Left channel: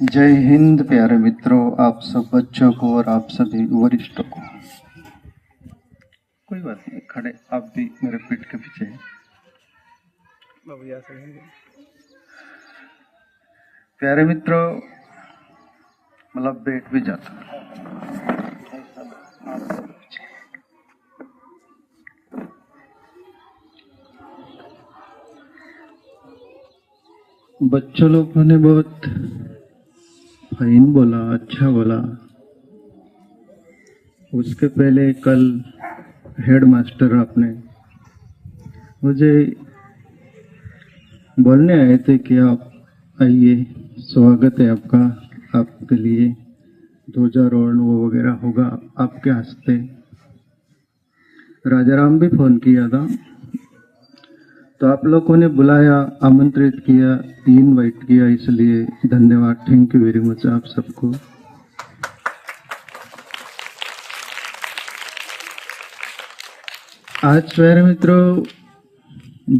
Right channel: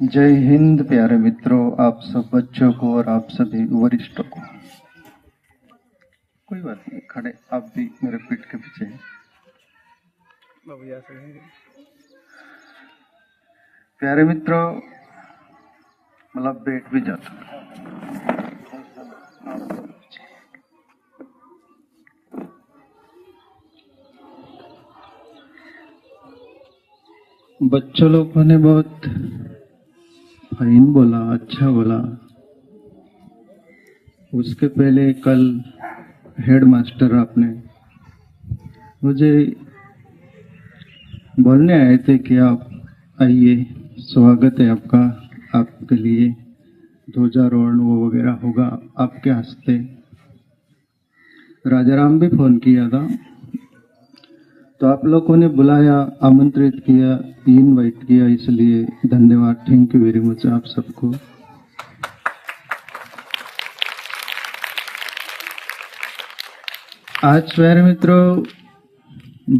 जय हिंद प्यारे मित्रों, आप सब बच्चों को और आप सभी वरिष्ठों को। कोई बात नहीं, खड़े आप भी मेरे पीठ के पीछे हैं। प्यारे मित्रों, मतलब बैठ भी जाता बच्चों लोगों ने बहुत फाइन बोला, अच्छा बोला। उसके पहले कल हेड मास्टर आपने मुझे बोलने आए थे कि आप आइए, स्वागत है आपका, आपके लिए ध्वजारोहण वो वगैरह होगा आपके हस्ते। राजाराम भी फोन किया था, तो आप लोगों ने बुलाया, आमंत्रित किया, इनवाइट किया, इसलिए धन्यवाद, थैंक यू वेरी मच आप सबको। आज प्यारे मित्रों,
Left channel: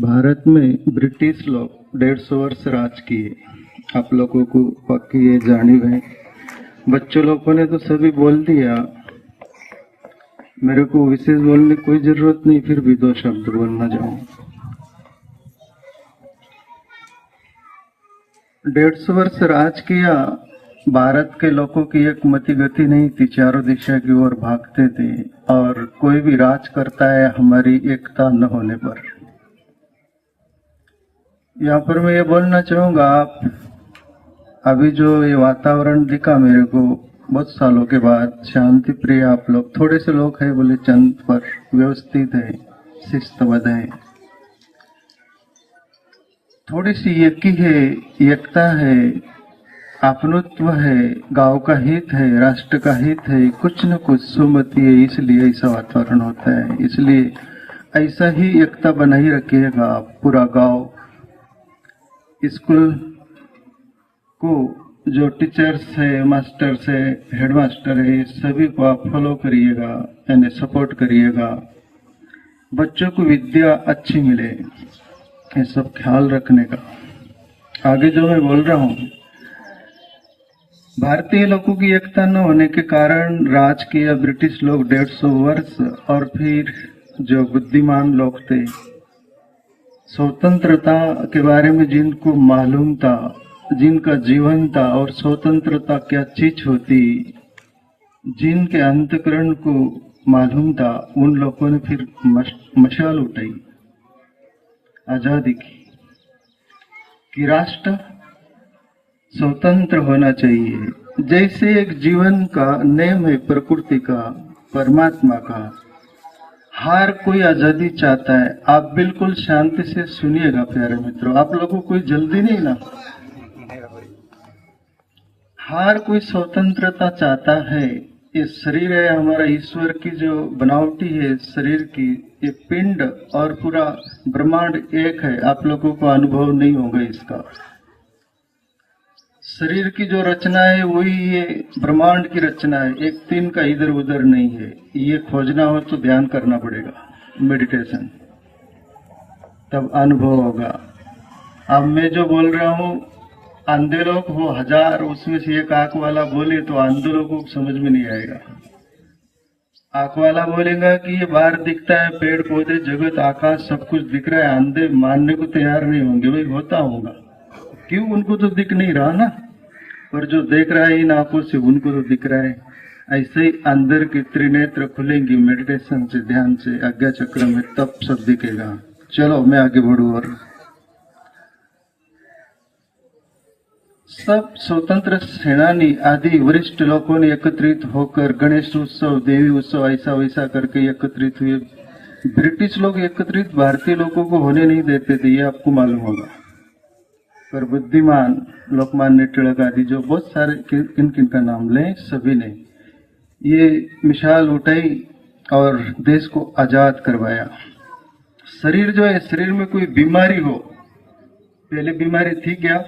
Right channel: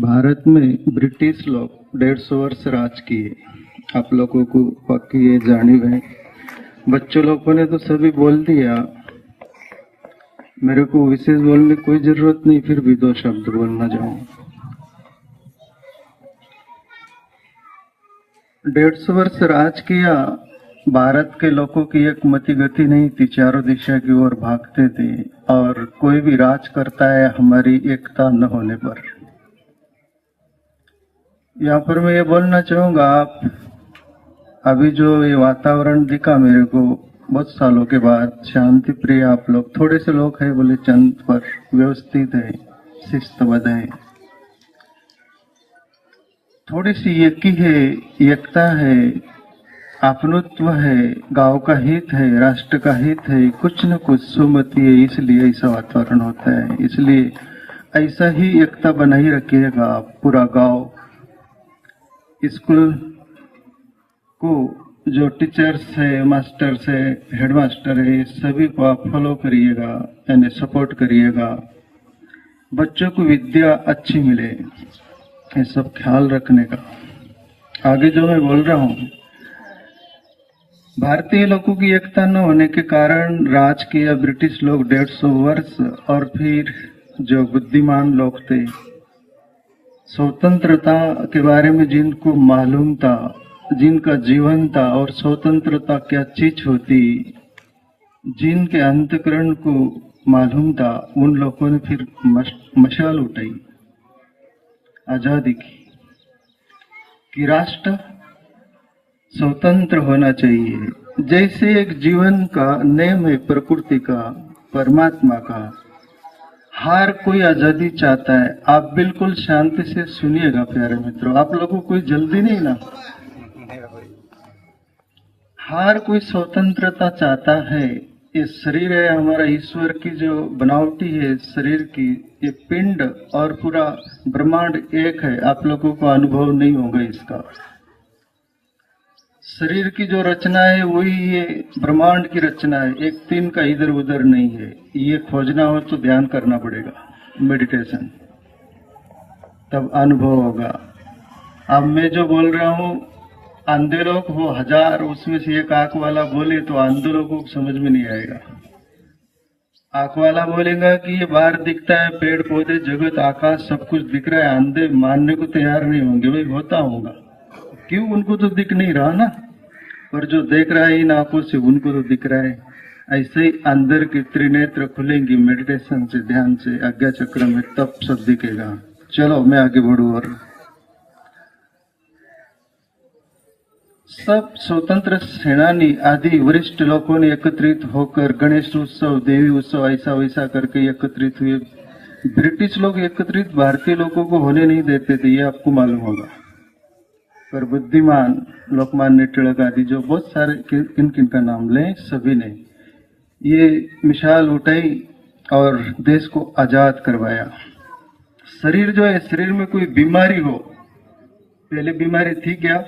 भारत में ब्रिटिश लोग 150 वर्ष राज किए। आप लोगों को पक्की ये जानी है। बच्चों लोगों ने तो सभी बोल दिया, मेरे को विशेष बोलने की कोई जरूरत नहीं, फिर भी 2 शब्द बोलना चाहूँ। 150 वर्ष राज किया। भारत के लोगों की एक मति गति नहीं थी, चारों दिशा की ओर भागते थे, और कोई भी राज करता है हमारी एकता न होने पर। यहाँ पर मैं ये बोलना चाहूंगा, आप अभी जो ये वातावरण दिखा मेरे को बहुत सालों के बाद, शांति प्रिय आप लोग, थोड़े से लोग हैं बोले चंद, पर व्यवस्थित है, शिस्तबद्ध है, थोड़ी सी एकी है, एकता है, अपनत्व है, गांव का हित है, राष्ट्र का हित है, कुछ न कुछ सुमति है, इसलिए ऐसा वातावरण होता है। इसलिए ऐसा ही एकता बनाई रखिएगा। पूरा गांव, स्कूल को जो टीचर्स है, मास्टर्स है, हेडमास्टर है, सभी को आप फॉलो करिएगा, यानी सपोर्ट करिएगा। बच्चों को विद्या अच्छी मिले, ये सब ख्याल रखने का। आगे जो मैं बोल रहा हूँ, भारतीय लोगों की एकता न होने के कारण राज किया ब्रिटिश लोग 150 वर्ष, और फिर जो बुद्धिमान लोग थे, स्वतंत्रता के बारे में जिनको मालूम था, जिनका जीवन था और स्वतंत्रता क्या चीज होती, जिनके अंतःकरण को मालूम था, उन लोगों ने फिर मशाल उठाई आजादी की, कि राष्ट्र स्वतंत्र होना चाहिए। जैसे एक जीवन का नियम है, प्रकृति का, परमात्मा का, हर कोई आजादी चाहता है। आप बिल्कुल शांति से सुनिएगा प्यारे मित्रों, आप लोगों को कोई जल्दी नहीं ना, हर कोई स्वतंत्रता चाहता है। ये शरीर है हमारा, ईश्वर की जो बनावटी है शरीर की, ये पिंड और पूरा ब्रह्मांड एक है। आप लोगों को अनुभव नहीं होगा इसका। शरीर की जो रचना है वही ये ब्रह्मांड की रचना है, एक तीन का इधर उधर नहीं है। ये खोजना हो तो ध्यान करना पड़ेगा, मेडिटेशन, तब अनुभव होगा। अब मैं जो बोल रहा हूँ, अंधे लोग हो 1000, उसमें से एक आंख वाला बोले तो अंधे लोगों को समझ में नहीं आएगा। आंख वाला बोलेगा कि ये बाहर दिखता है, पेड़ पौधे, जगत, आकाश, सब कुछ दिख रहा है। अंधे मानने को तैयार नहीं होंगे, भाई होता होगा, क्यों, उनको तो दिख नहीं रहा ना, पर जो देख रहा है इन आंखों से उनको तो दिख रहा है। ऐसे ही अंदर की त्रिनेत्र खुलेंगी मेडिटेशन से, ध्यान से, आज्ञा चक्र में, तब सब दिखेगा। चलो मैं आगे बढ़ूं। और सब स्वतंत्र सेनानी आदि वरिष्ठ लोगों ने एकत्रित होकर गणेश उत्सव, देवी उत्सव, ऐसा वैसा करके एकत्रित हुए। ब्रिटिश लोग एकत्रित भारतीय लोगों को होने नहीं देते थे, ये आपको मालूम होगा, पर बुद्धिमान लोकमान्य तिलक आदि, जो बहुत सारे, किन किन का नाम लें, सभी ने ये मिसाल उठाई और देश को आजाद करवाया। शरीर जो है, शरीर में कोई बीमारी हो, पहले बीमारी थी क्या?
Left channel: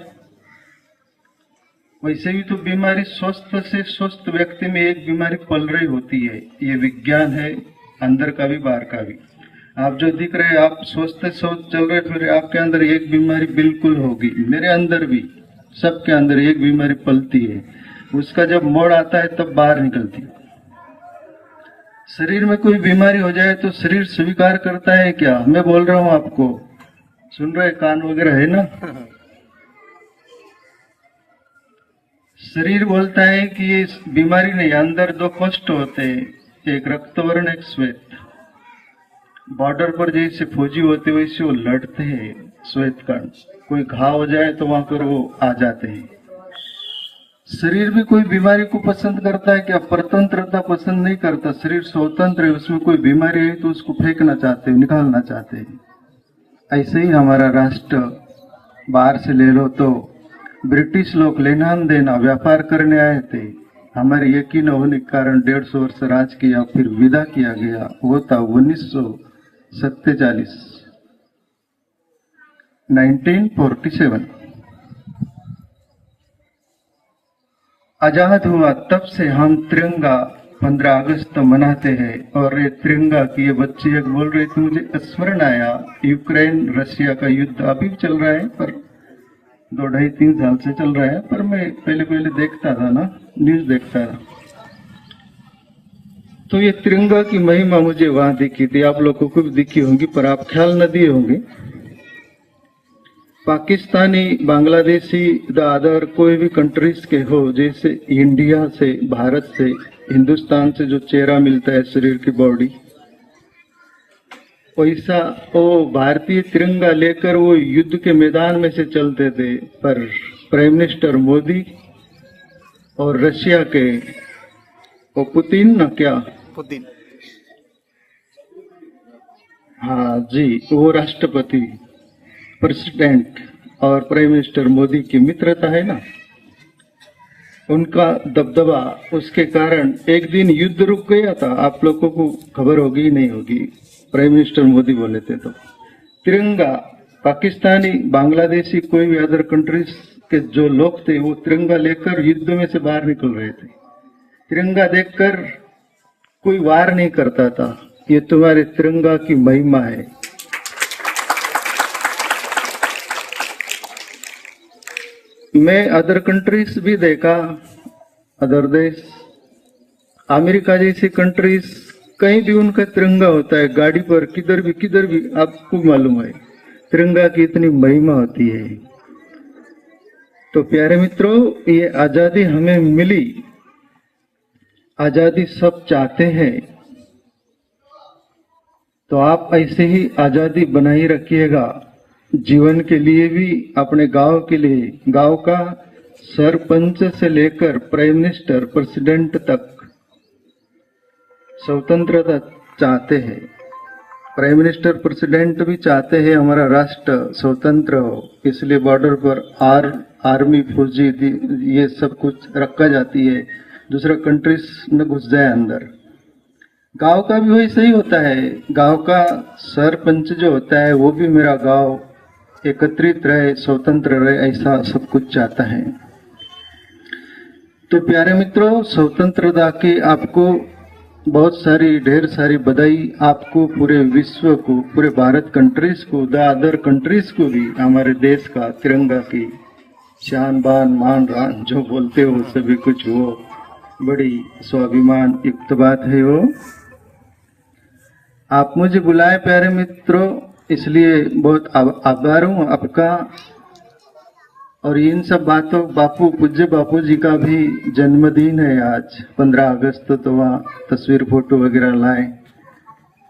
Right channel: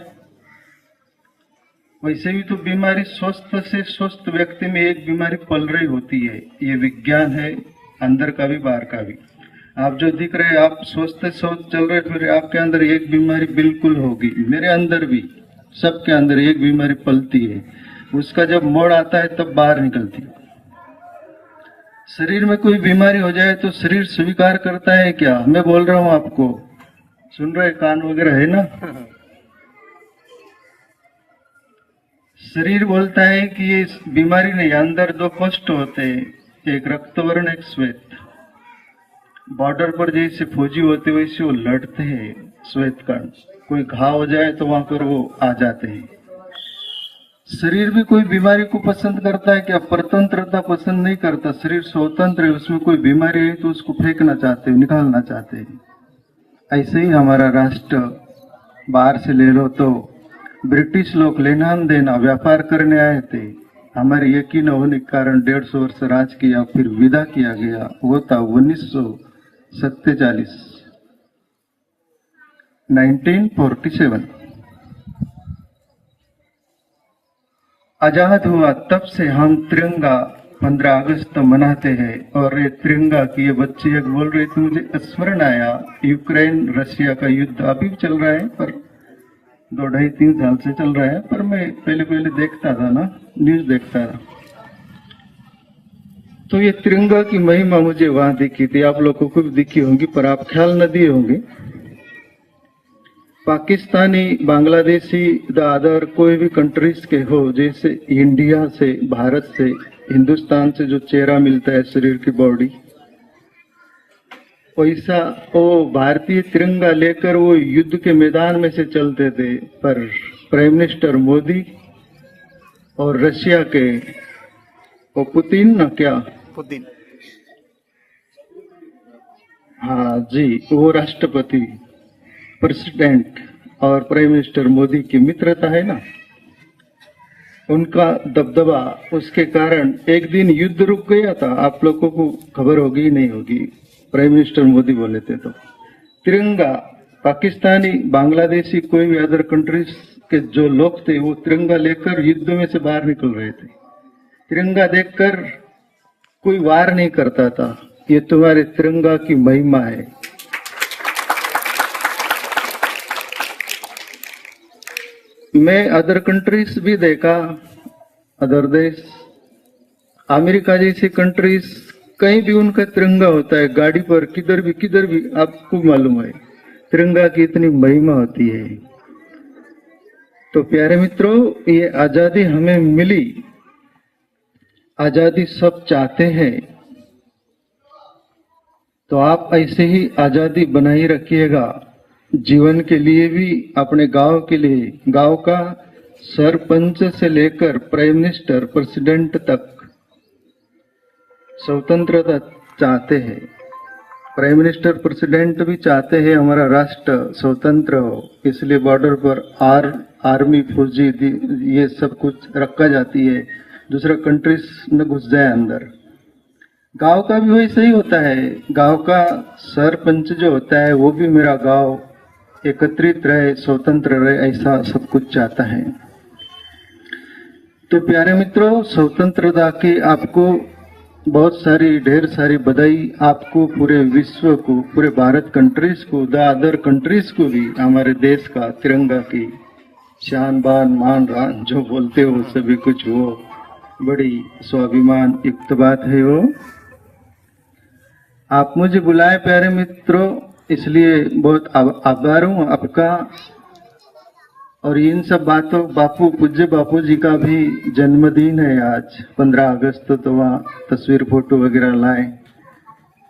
वैसे भी तो बीमारी स्वस्थ से स्वस्थ व्यक्ति में एक बीमारी पल रही होती है। ये विज्ञान है, अंदर का भी बाहर का भी। आप जो दिख रहे, आप स्वस्थ चल रहे, फिर आपके अंदर एक बीमारी बिल्कुल होगी, मेरे अंदर भी। सबके अंदर एक बीमारी पलती है, उसका जब मोड़ आता है तब बाहर निकलती है। शरीर में कोई बीमारी हो जाए तो शरीर स्वीकार करता है क्या? मैं बोल रहा हूं आपको, सुन रहे, कान वगैरह है ना? शरीर बोलता है कि ये बीमारी नहीं, अंदर दो कष्ट होते हैं, एक रक्तवर्ण एक श्वेत। बॉर्डर पर जैसे फौजी होते वैसे वो लड़ते हैं श्वेत कण, कोई घाव हो जाए तो वहां पर वो आ जाते हैं। शरीर भी कोई बीमारी को पसंद करता है क्या? परतंत्रता पसंद नहीं करता। शरीर स्वतंत्र है, उसमें कोई बीमारी है तो उसको फेंकना चाहते हैं, निकालना चाहते हैं। ऐसे ही हमारा राष्ट्र, बाहर से ले लो तो ब्रिटिश लोग लेना देना व्यापार करने आए थे, हमारे यकीन होने के कारण 150 वर्ष राज किया, फिर विदा किया गया। वो था 1947 आजाद हुआ, तब से हम तिरंगा 15 अगस्त मनाते हैं। और ये तिरंगा की ये बच्चे बोल रहे थे, मुझे स्मरण आया, यूक्रेन रशिया का युद्ध अभी भी चल रहा है, पर 2-2.5-3 साल से चल रहा है, पर मैं पहले देखता था ना, न्यूज देखता था, तो ये तिरंगा की महिमा मुझे वहां दिखी थी। आप लोगों को भी दिखी होंगी, पर आप ख्याल न दिए होंगे। पाकिस्तानी, बांग्लादेशी, अदर कोई भी कंट्रीज के हो, जैसे इंडिया से, भारत से, हिंदुस्तान से जो चेहरा मिलता है शरीर की बॉडी, वैसा वो भारतीय तिरंगा लेकर वो युद्ध के मैदान में से चलते थे। पर प्राइम मिनिस्टर मोदी और रशिया के वो पुतिन न, क्या पुतिन, हाँ जी, वो राष्ट्रपति, प्रेसिडेंट और प्राइम मिनिस्टर मोदी की मित्रता है ना, उनका दबदबा, उसके कारण एक दिन युद्ध रुक गया था। आप लोगों को खबर होगी नहीं होगी, प्राइम मिनिस्टर मोदी बोले थे तो तिरंगा, पाकिस्तानी, बांग्लादेशी, कोई भी अदर कंट्रीज के जो लोग थे वो तिरंगा लेकर युद्ध में से बाहर निकल रहे थे। तिरंगा देखकर कोई वार नहीं करता था, ये तुम्हारे तिरंगा की महिमा है। मैं अदर कंट्रीज भी देखा, अदर देश, अमेरिका जैसी कंट्रीज, कहीं भी उनका तिरंगा होता है, गाड़ी पर, किधर भी आपको मालूम है तिरंगा की इतनी महिमा होती है। तो प्यारे मित्रों, ये आजादी हमें मिली, आजादी सब चाहते हैं, तो आप ऐसे ही आजादी बनाई रखिएगा, जीवन के लिए भी, अपने गांव के लिए। गांव का सरपंच से लेकर प्राइम मिनिस्टर, प्रेसिडेंट तक स्वतंत्रता चाहते हैं। प्राइम मिनिस्टर, प्रेसिडेंट भी चाहते हैं हमारा राष्ट्र स्वतंत्र हो, इसलिए बॉर्डर पर आर्मी, फौजी, ये सब कुछ रखा जाती है, दूसरा कंट्रीज में घुस जाए अंदर। गांव का भी वही सही होता है, गांव का सरपंच जो होता है वो भी मेरा गांव एकत्रित रहे, स्वतंत्र रहे, ऐसा सब कुछ चाहता है। तो प्यारे मित्रों, स्वतंत्रता के आपको बहुत सारी, ढेर सारी बधाई आपको, पूरे विश्व को, पूरे भारत कंट्रीज को, द अदर कंट्रीज को भी, हमारे देश का तिरंगा की शान, बान, मान, रान जो बोलते हो सभी कुछ, वो बड़ी स्वाभिमान युक्त बात है। वो आप मुझे बुलाए प्यारे मित्रों, इसलिए बहुत आभार हूँ आपका। और इन सब बातों, बापू, पूज्य बापू जी का भी जन्मदिन है आज 15 अगस्त, तो वहाँ तस्वीर, फोटो वगैरह लाए।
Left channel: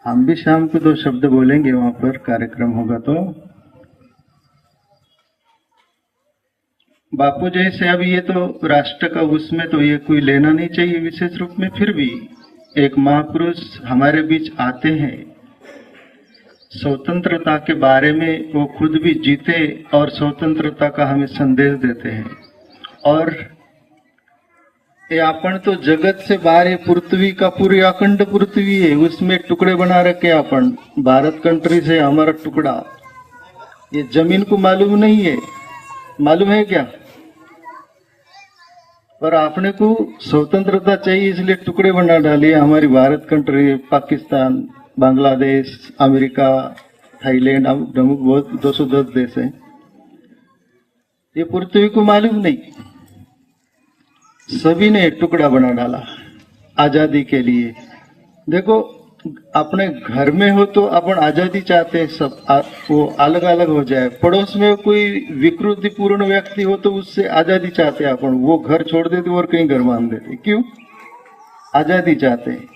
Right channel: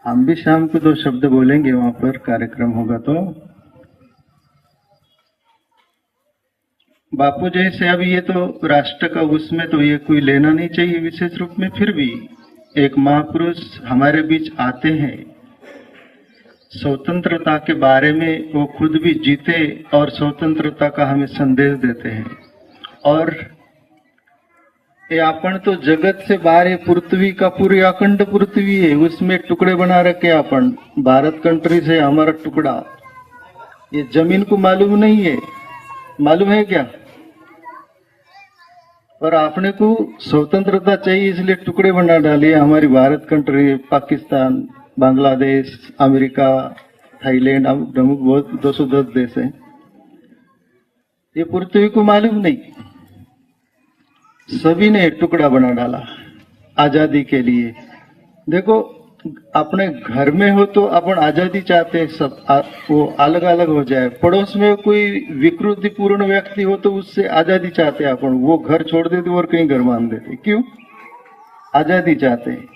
हम भी शाम को 2 शब्द बोलेंगे, वहां पर कार्यक्रम होगा। तो बापू जैसे, अभी ये तो राष्ट्र का, उसमें तो ये कोई लेना नहीं चाहिए विशेष रूप में, फिर भी एक महापुरुष हमारे बीच आते हैं, स्वतंत्रता के बारे में वो खुद भी जीते और स्वतंत्रता का हमें संदेश देते हैं। और ये अपन तो जगत से बाहर है, पृथ्वी का, पूरी अखंड पृथ्वी है, उसमें टुकड़े बना रखे अपन, भारत कंट्री से हमारा टुकड़ा, ये जमीन को मालूम नहीं है, मालूम है क्या? और आपने को स्वतंत्रता चाहिए, इसलिए टुकड़े बना डालिए, हमारी Bharat country, Pakistan, Bangladesh, America, Thailand, बहुत 210 देश हैं। ये पृथ्वी को मालूम नहीं, सभी ने टुकड़ा बना डाला आजादी के लिए। देखो अपने घर में हो तो अपन आजादी चाहते हैं, सब वो अलग अलग हो जाए। पड़ोस में कोई विकृति पूर्ण व्यक्ति हो तो उससे आजादी चाहते हैं अपन, वो घर छोड़ देते और कहीं घर बांध देते। क्यों? आजादी चाहते हैं।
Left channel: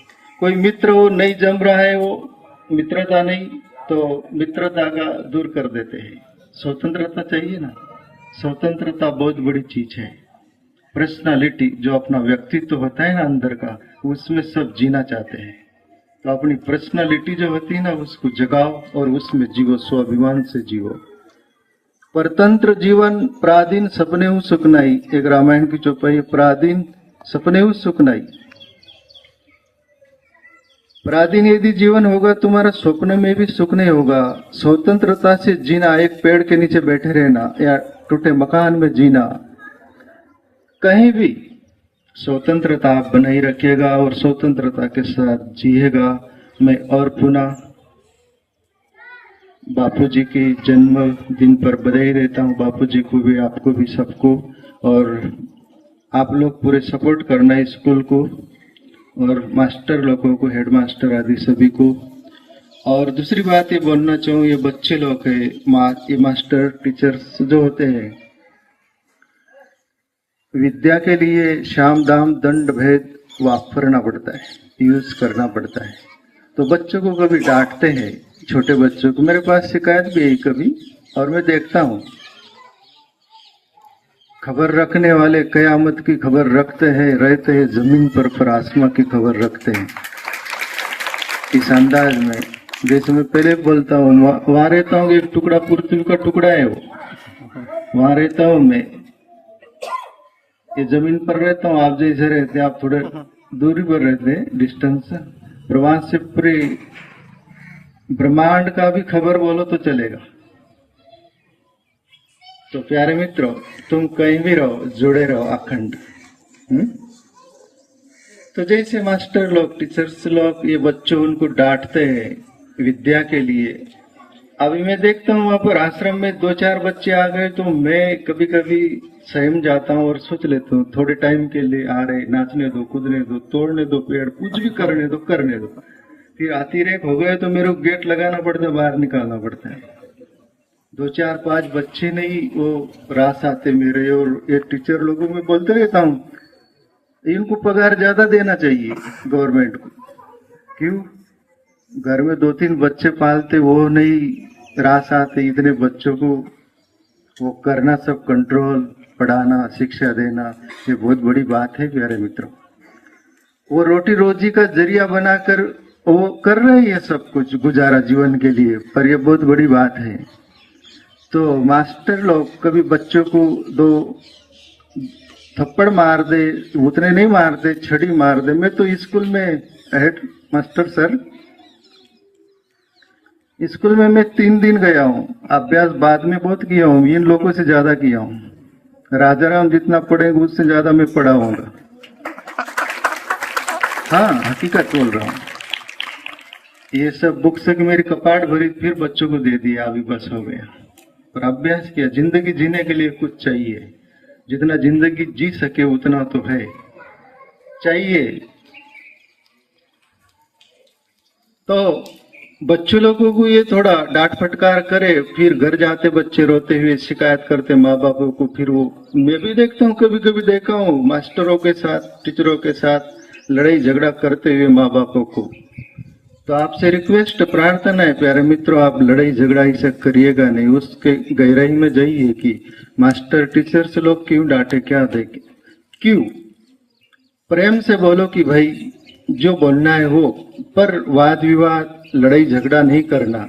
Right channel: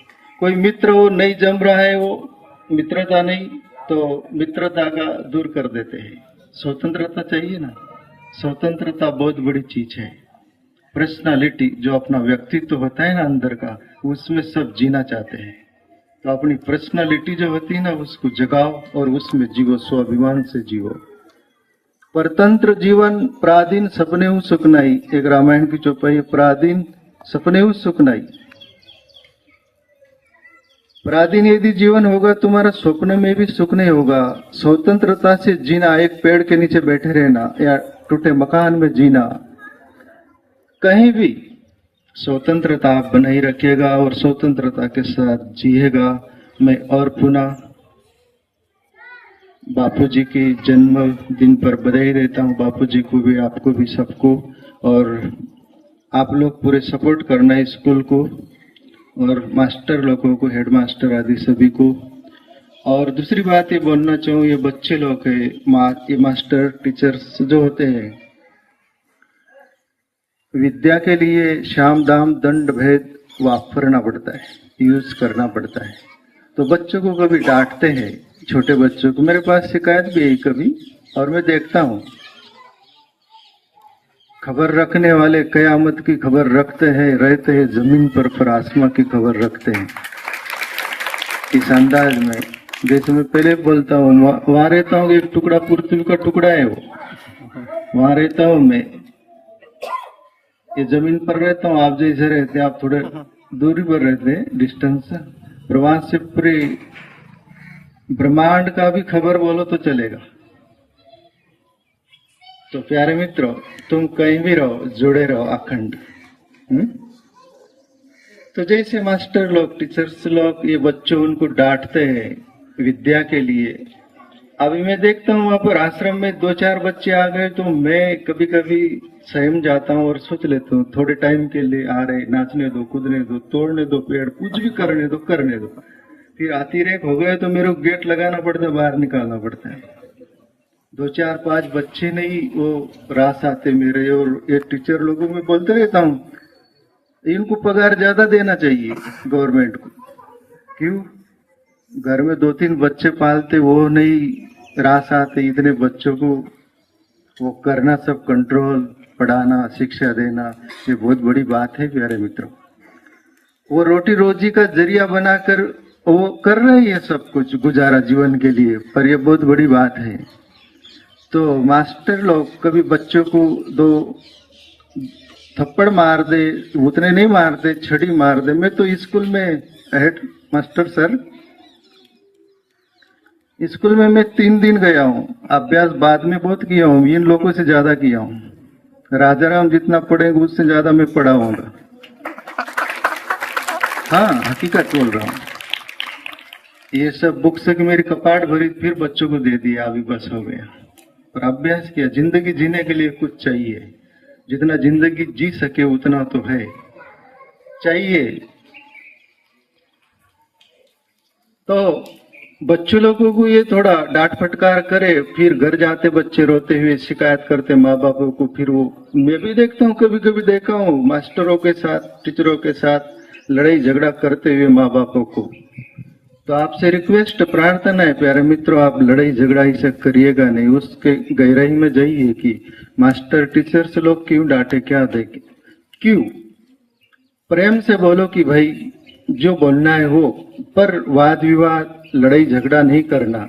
कोई मित्र वो नहीं जम रहा है, वो मित्रता नहीं, तो मित्रता का दूर कर देते हैं। स्वतंत्रता चाहिए ना, स्वतंत्रता बहुत बड़ी चीज है। पर्सनालिटी जो अपना व्यक्तित्व होता है ना अंदर का, उसमें सब जीना चाहते हैं। तो अपनी पर्सनालिटी जो होती है ना उसको जगाओ और उसमें जीवो, स्वाभिमान से जीवो। परतंत्र जीवन प्राधीन सपने सुख नहीं, एक रामायण की चौपाई, प्राधीन सपने सुख नहीं। प्राधीन यदि जीवन होगा तुम्हारा स्वप्न में भी सुख नहीं होगा। स्वतंत्रता से जीना, एक पेड़ के नीचे बैठे रहना या टूटे मकान में जीना, कहीं भी स्वतंत्रता आप बनाई रखिएगा और स्वतंत्रता के साथ जिएगा। मैं और पुनः बापूजी के जन्मदिन पर बधाई देता हूँ, बापूजी को भी, आपको भी, सबको। और आप लोग पूरे सपोर्ट करना स्कूल को और मास्टर लोगों को, हेड मास्टर आदि सभी को। और दूसरी बात ये बोलना चाहूँ, ये बच्चे लोग है, ये मास्टर टीचर्स जो होते हैं, विद्या के लिए शाम दाम दंड भेद वापरना पड़ता है, यूज करना पड़ता है। तो बच्चों को कभी डांटते हैं, छोटे बच्चों को, मेरे पास शिकायत भी है कभी, और मैं देखता हूँ खबर रखने वाले कयामत की खबर रखते हैं, रहते हैं जमीन पर आसमां की खबर रखते हैं। इस अंदाज में जैसे मैं पहले बोलता हूँ, वहां रहता हूँ, एक टुकड़ा पृथ्वी का टुकड़ा है वो, वहां रहता हूँ मैं, ये जमीन पर रहता हूँ। आप जैसे रहते हैं, आप थोड़े दूरी पर रहते हैं, डिस्टेंस, पर वहां से पूरे ब्रह्मांड का भी खबर बोलो तो चलेगा। तो प्यारे मित्रों, तुम कहीं भी रहो, जुड़े रहो अखंड। तो जैसे मास्टर लोग, टीचर्स लोग, ये बच्चों उनको डांटते हैं विद्या के लिए। अभी मैं देखता हूँ वहां पर आश्रम में 2-4 बच्चे आ गए तो मैं कभी कभी सहम जाता हूँ और सोच लेता हूँ, थोड़े टाइम के लिए आ रहे, नाचने दो, कूदने दो, तोड़ने दो पेड़, कुछ भी करने दो, करने दो। फिर अतिरेक हो गए तो मेरे को गेट लगाना पड़ता है, बाहर निकालना पड़ता है। 2-4-5 बच्चे नहीं वो रास आते मेरे, और ये टीचर लोगों में बोलते रहता हूँ, इनको पगार ज्यादा देना चाहिए गवर्नमेंट को। क्यों? घर में 2-3 बच्चे पालते, वो नहीं रास आते, इतने बच्चों को वो करना, सब कंट्रोल, पढ़ाना, शिक्षा देना, ये बहुत बड़ी बात है प्यारे मित्रों। वो रोटी रोजी का जरिया बनाकर वो कर रहे हैं सब कुछ गुजारा जीवन के लिए, पर ये बहुत बड़ी बात है। तो मास्टर लोग कभी बच्चों को 2 थप्पड़ मार दे, उतने नहीं मारते, छड़ी मार दे। मैं तो स्कूल में हेड मास्टर सर, स्कूल में मैं 3 दिन गया हूँ, अभ्यास बाद में बहुत किया हूँ, इन लोगों से ज्यादा किया हूँ। राजाराम जितना पढ़ेंगे उससे ज्यादा मैं पढ़ा हूँगा। हाँ, हकीकत बोल रहा हूँ। ये सब बुक से मेरी कपाट भरी, फिर बच्चों को दे दिया, अभी बस हो गया। और अभ्यास किया, जिंदगी जीने के लिए कुछ चाहिए, जितना जिंदगी जी सके उतना तो है चाहिए। तो बच्चों लोगों को ये थोड़ा डांट फटकार करे, फिर घर जाते बच्चे रोते हुए शिकायत करते माँ बापों को। फिर वो मैं भी देखता हूँ, कभी कभी देखा हूँ मास्टरों के साथ, टीचरों के साथ लड़ाई झगड़ा करते हुए माँ बापों को। तो आपसे रिक्वेस्ट, प्रार्थना है प्यारे मित्रों, आप लड़ाई झगड़ा ऐसा करिएगा नहीं, उसके गहराई में जाइए कि मास्टर टीचर से लोग क्यों डांटे, क्या देखे, क्यों। प्रेम से बोलो कि भाई जो बोलना है वो, पर वाद विवाद, लड़ाई झगड़ा नहीं करना।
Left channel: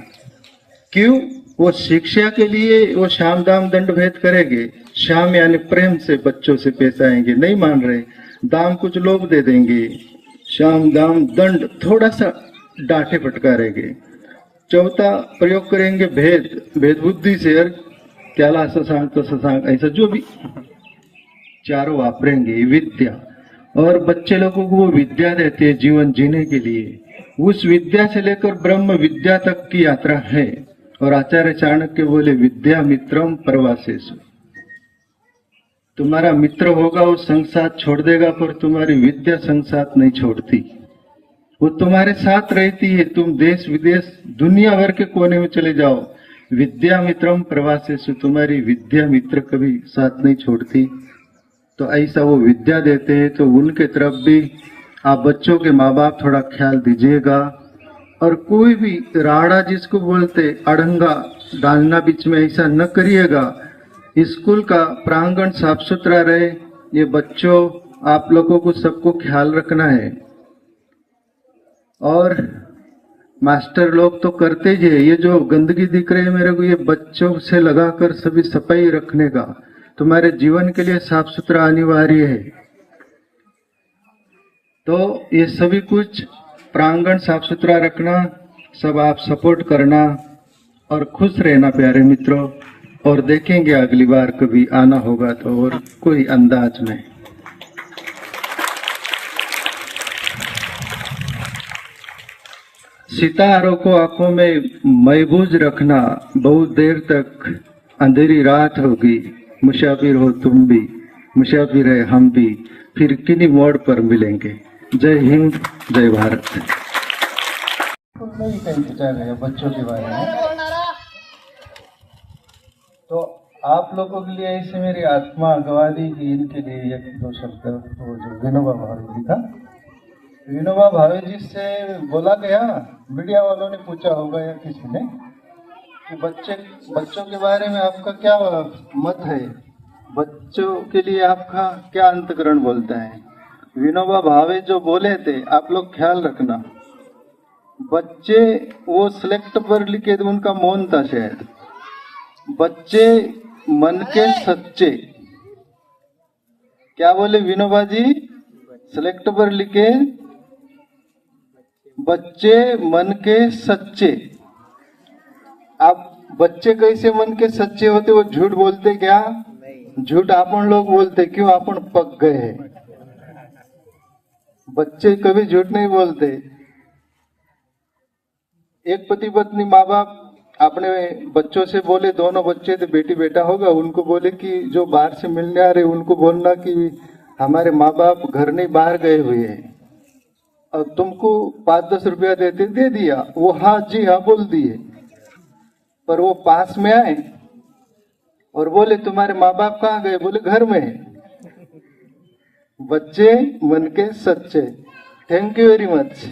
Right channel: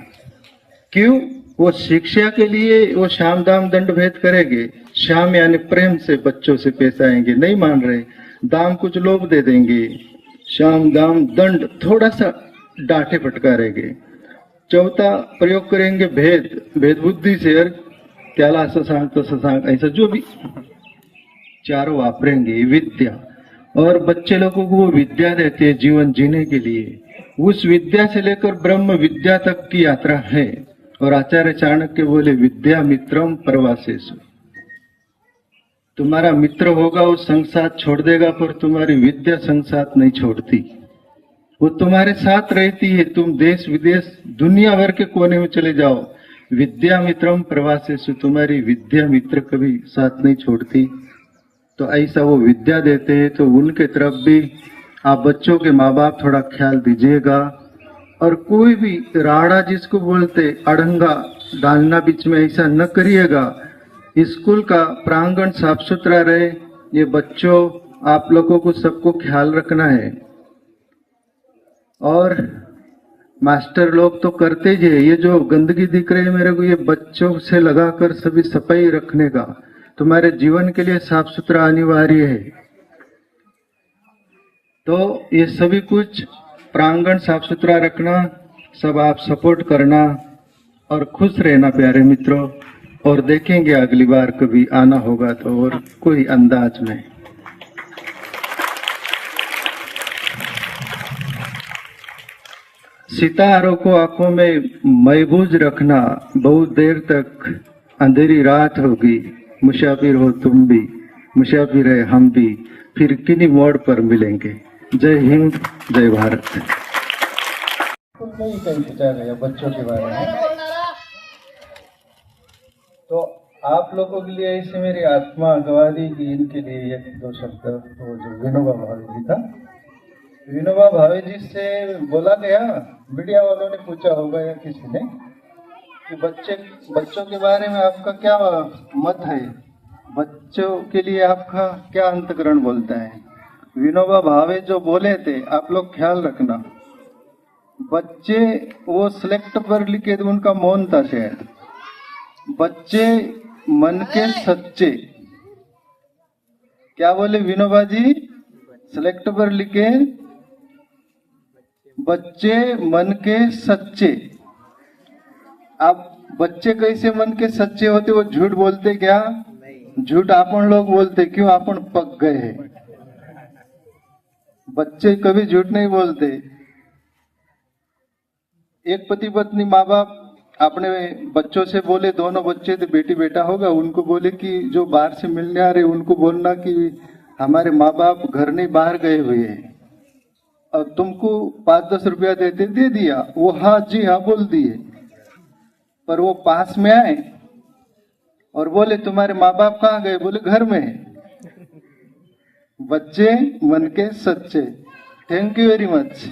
क्यों? वो शिक्षा के लिए वो शाम दाम दंड भेद करेंगे। शाम यानी प्रेम से बच्चों से पेश आएंगे, नहीं मान रहे, दाम कुछ लोग दे देंगे, शाम दाम दंड थोड़ा सा डांटे फटकारेंगे। चौथा प्रयोग करेंगे भेद, भेद बुद्धि से, त्याला असं सांग तसं सांग, ऐसा जो भी 4 वापरेंगे। विद्या, और बच्चे लोगों को वो विद्या देते हैं जीवन जीने के लिए। उस विद्या से लेकर ब्रह्म विद्या तक की यात्रा है। और आचार्य चाणक्य बोले, विद्या मित्रम परवासेषु, तुम्हारा मित्र होगा वो संग साथ छोड़ देगा, पर तुम्हारी विद्या संग साथ नहीं छोड़ती। वो तुम्हारे साथ रहती है। तुम देश विदेश दुनिया भर के कोने में चले जाओ, विद्या मित्रम प्रवासेषु, तुम्हारी विद्या मित्र कभी साथ नहीं छोड़ती। तो ऐसा वो विद्या देते हैं, तो उनके तरफ भी आप बच्चों के माँ बाप थोड़ा ख्याल दीजिएगा। और कोई भी राड़ा जिसको बोलते अड़ंगा डालना बीच में, ऐसा न करिएगा। स्कूल का प्रांगण साफ सुथरा रहे। ये बच्चों आप लोगों को सबको ख्याल रखना है। और मास्टर लोग तो करते ही है। ये जो गंदगी दिख रही है मेरे को, ये बच्चों से लगाकर सभी सफाई रखने का, तुम्हारे जीवन के लिए साफ सुथरा अनिवार्य है। तो ये सभी कुछ प्रांगण साफ सुथरा रखना, सब आप सपोर्ट करना और खुश रहना प्यारे मित्रों। और देखेंगे अगली बार कभी आना होगा तो और कोई अंदाज में। सितारों को आंखों में महफूज रखना, बहुत देर तक अंधेरी रात होगी, मुसाफिर हो तुम भी, मुसाफिर है हम भी, फिर किन्हीं मोड़ पर मिलेंगे। जय हिंद, जय भारत। नहीं कहीं पूछा गया बच्चों के बारे में, तो आप लोगों के लिए ऐसे मेरी आत्मा गवाही की इनके लिए एक दो शब्द। वो जो विनोबा भावे जी था, विनोबा भावे जी से बोला गया, मीडिया वालों ने पूछा होगा या किसी ने कि बच्चों के बारे में आपका क्या मत है, बच्चों के लिए आपका क्या अंतकरण बोलता है। विनोबा भावे जो बोले थे, आप लोग ख्याल रखना, बच्चे वो सिलेक्ट पर लिखे थे, उनका मौन था शायद। बच्चे मन के सच्चे, क्या बोले विनोबा जी, सिलेक्ट पर लिखे बच्चे मन के सच्चे। अब बच्चे कैसे मन के सच्चे होते, वो झूठ बोलते क्या? झूठ अपन लोग बोलते, क्यों? अपन पक गए हैं। बच्चे कभी झूठ नहीं बोलते। एक पति पत्नी माँ बाप अपने बच्चों से बोले, दोनों बच्चे थे, बेटी बेटा होगा, उनको बोले कि जो बाहर से मिलने आ रहे उनको बोलना कि हमारे माँ बाप घर नहीं बाहर गए हुए हैं और तुमको 5-10 रुपया देते, दे दिया। वो हाँ जी हाँ बोल दिए, पर वो पास में आए और बोले तुम्हारे माँ बाप कहाँ गए? बोले घर में। बच्चे मन के सच्चे। Thank you very much.